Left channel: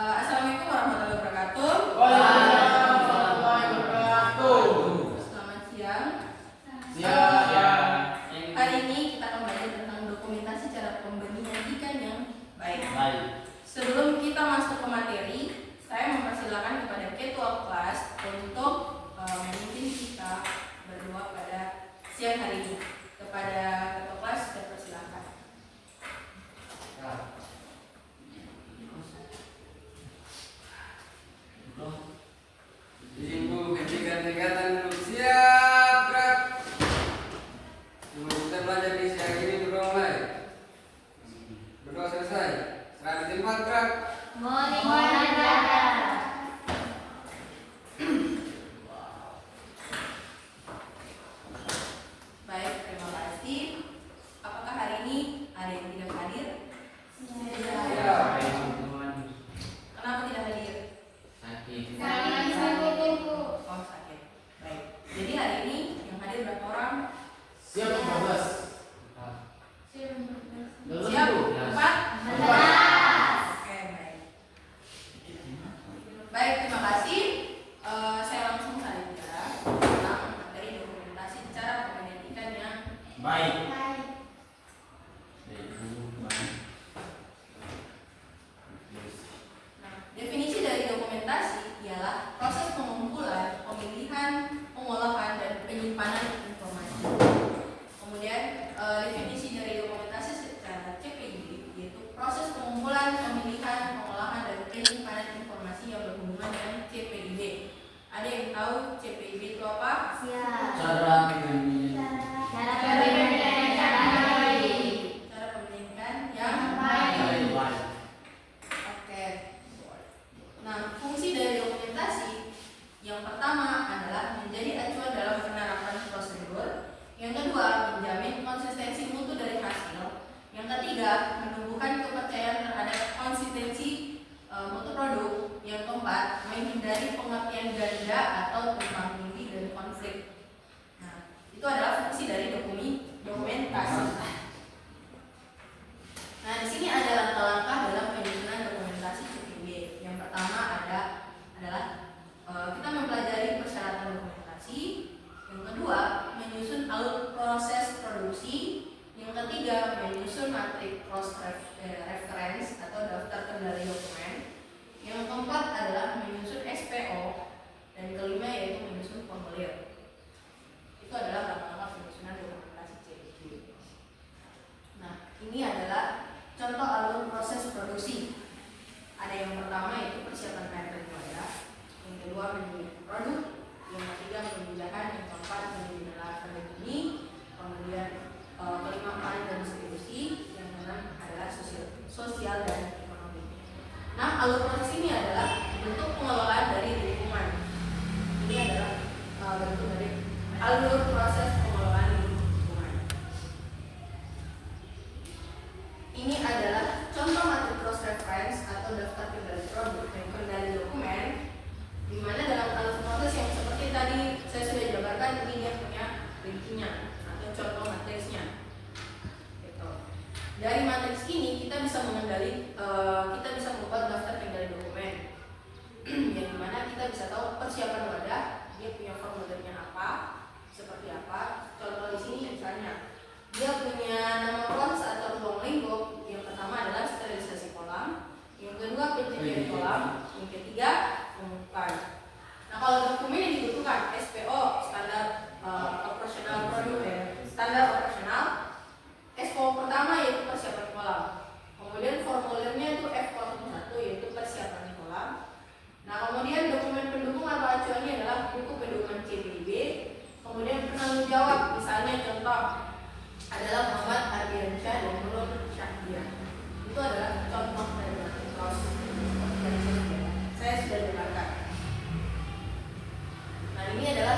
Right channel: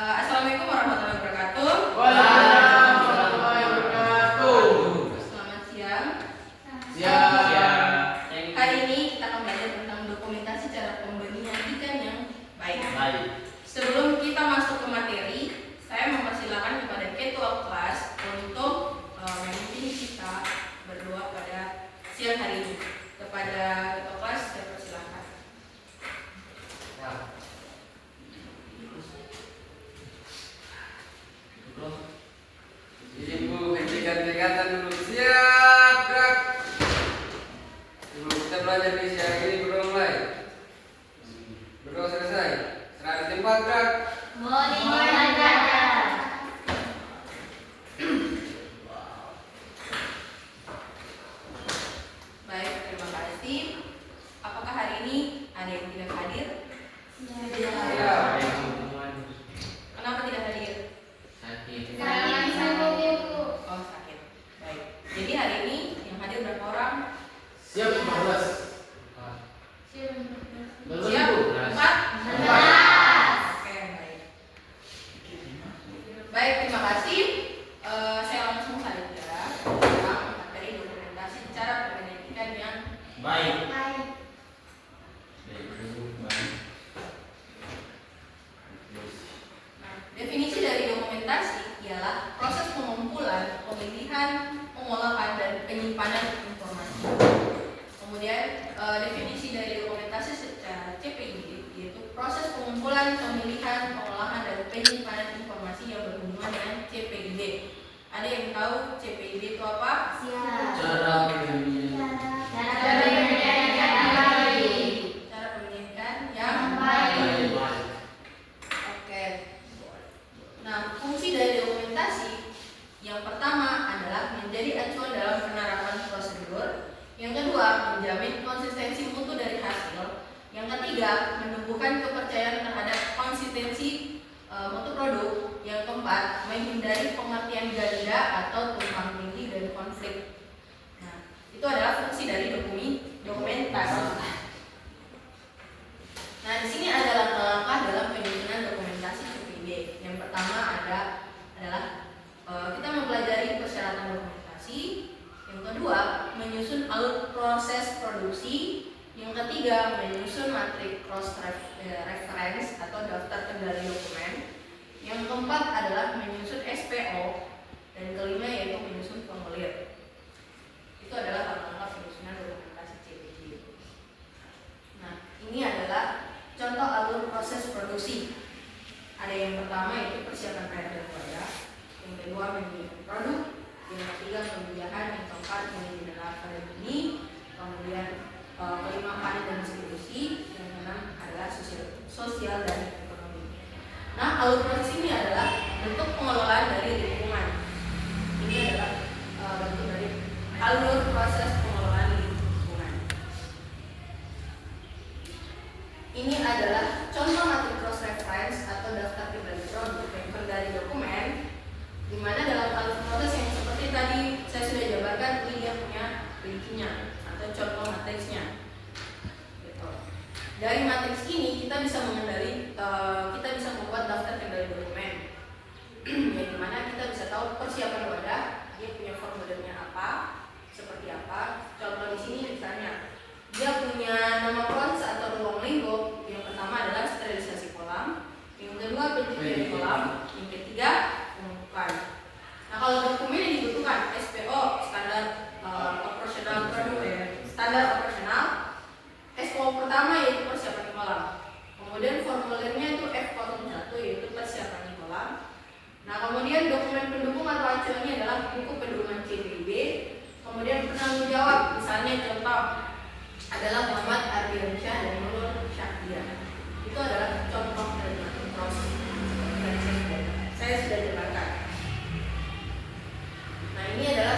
Assalamualaikum warahmatullahi wabarakatuh. Waalaikumsalam warahmatullahi wabarakatuh. Selamat siang. Siang. Hari ini kita akan belajar tentang dokumentasi cara pembenihan ikan yang baik. Sebelum kita masuk ke materi, saya mempersilahkan kepada ketua kelas untuk memimpin kita berdoa pada siang hari ini. Kepada ketua kelas saya persilahkan. Ibu hentikan kegiatan dulu, siap gerak. Sebelum kita belajar di siang ini berdoa mulai. Berdoa selesai, serah di tempat gerak. Baik, terima kasih. Apakah hari ini ada yang tidak hadir? Kenapa tidak hadir? Oh, sakit. Baik. Jadi hari ini yang hadir berapa orang? Siap 15. Siap? 4? Oke, baik. Baik, terima kasih. Saya langsung saja tentang materi dokumentasi cara pembenihan ikan yang Baik. Nah, definisi dari dokumentasi ialah proses pengumpulan, pemilihan, pengolahan, dan penyimpanan informasi. Kemudian definisi dari dokumentasi secara CPIB yaitu proses pengumpulan, pemilihan, pengolahan, dan penyimpanan informasi yang berhubungan dengan CPIB. Ada yang tahu CPIB itu apa? Cara Cara pembenihan yang baik. Oke. Nah, fungsi dari dokumentasi yang pertama adalah menjadi acuan dalam penerapan prosedur. Yang kedua, menjamin konsistensi mutu dari hasil. Yang ketiga, menumbuhkan kepercayaan terhadap konsistensi mutu produk. Yang keempat, menghindari pengertian ganda atau tumpang tindih dan konflik. Nah, itu adalah fungsi dari dokumentasi. Nah, di sini ada langkah-langkah dalam penyusunan dokumentasi CPIB. Yang pertama adalah kita mempelajari persyaratan dokumentasi. Yang kedua, menyusun alur proses produksi. Yang ketiga, menyusun matrik cross reference atau daftar kendali dokumen. Yang keempat adalah menyusun SPO. Dan kelima yaitu menyusun formulir. Itu adalah langkah-langkah penyusunan dokumentasi CPIB. Nah, ini adalah contoh alur proses produksi. Ada yang pertama yaitu persiapan air dan wadah. Yang kedua menyusun produk. Yang ketiga penjualan. Yang keempat menyusun larva dan benih. Kemudian kelima panen dan distribusi. Yang keenam adalah sosial dan ekonomi. Nah, alur proses ini adalah bentuk pengelolaan dari lingkungan. Ini adalah bentuk dari alur proses pengelolaan lingkungan. Ini adalah contoh matrik cross reference atau daftar kendali produk yang kendali dokumen, di mana dalam alur proses yang seperti tadi saya sudah jabarkan, ini dia punya rincinya atau contoh matriksnya. Gitu. Dari matriks ini kita bisa kita bisa membuat daftar kendali dokumen, yang dimana kita bisa tahu persiapan wadah, dia punya formulirnya apa, seperti apa. Contoh di sini misalnya dia punya nama pons atau ruang lingkup. Yang pertama adalah sterilisasi kolam, yang kedua pencucian kolam, yang ketiga pengumpulan. Nah, kalau dokumen yang dibutuhkan SPO standar operasional produk standar operasional. SPO pertama yaitu persiapan kolam. Kemudian formulirnya itu F01 yaitu persiapan kolam. Nah, kemudian dokumen pendukung atau acuannya adalah buku pedoman CPIB. Kemudian penanggung jawab, misalnya contoh adalah Muhammad Ardiansyah dan Nur Syahdia. Itu adalah contoh dari proses dan saya sudah jelaskan. Nah, ini adalah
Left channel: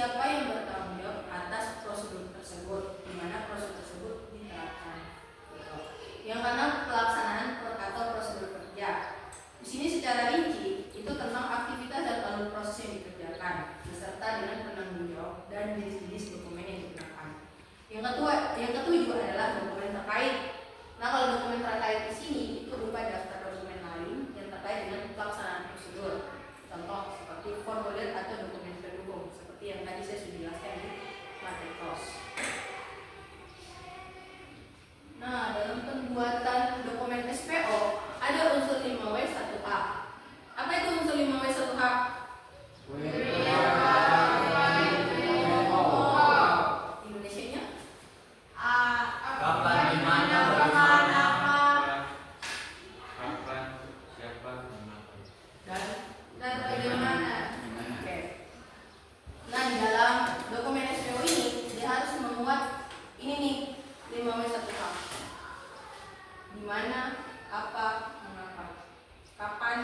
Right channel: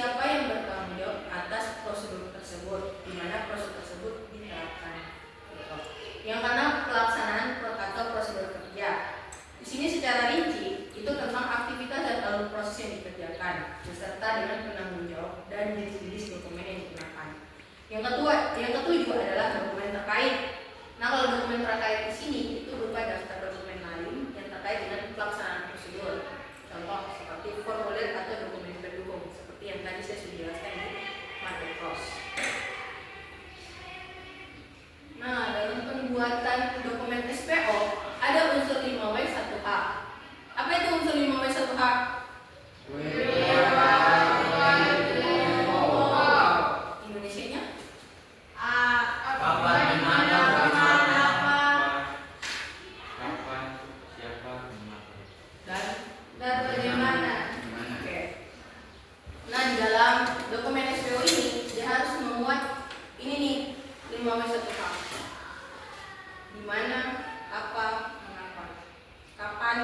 siapa yang bertanggung jawab atas prosedur tersebut, di mana prosedur tersebut diterapkan. Gitu. Yang keenam, pelaksanaan atau prosedur kerja. Di sini secara rinci itu tentang aktivitas dan alur proses yang dikerjakan beserta dengan penanggung jawab dan jenis-jenis dokumen yang digunakan. Yang ketujuh adalah dokumen terkait. Nah, kalau dokumen terkait di sini itu berupa daftar dokumen lain yang terkait dengan pelaksanaan prosedur. Contoh seperti formulir atau dokumen pendukung seperti yang tadi saya sudah jelaskan di materi kos. Nah, dalam pembuatan dokumen SPO ada unsur 5W 1H. Apa itu unsur 5W 1H? Indonesianya? Kapan, di mana, bagaimana. Kapan, siapa, mengapa. Dan bagaimana? Oke. Nah, di dalam dokumen SPO ini dia harus memuat ini nih 5W 1H. Di mana, apa, mengapa, kapan,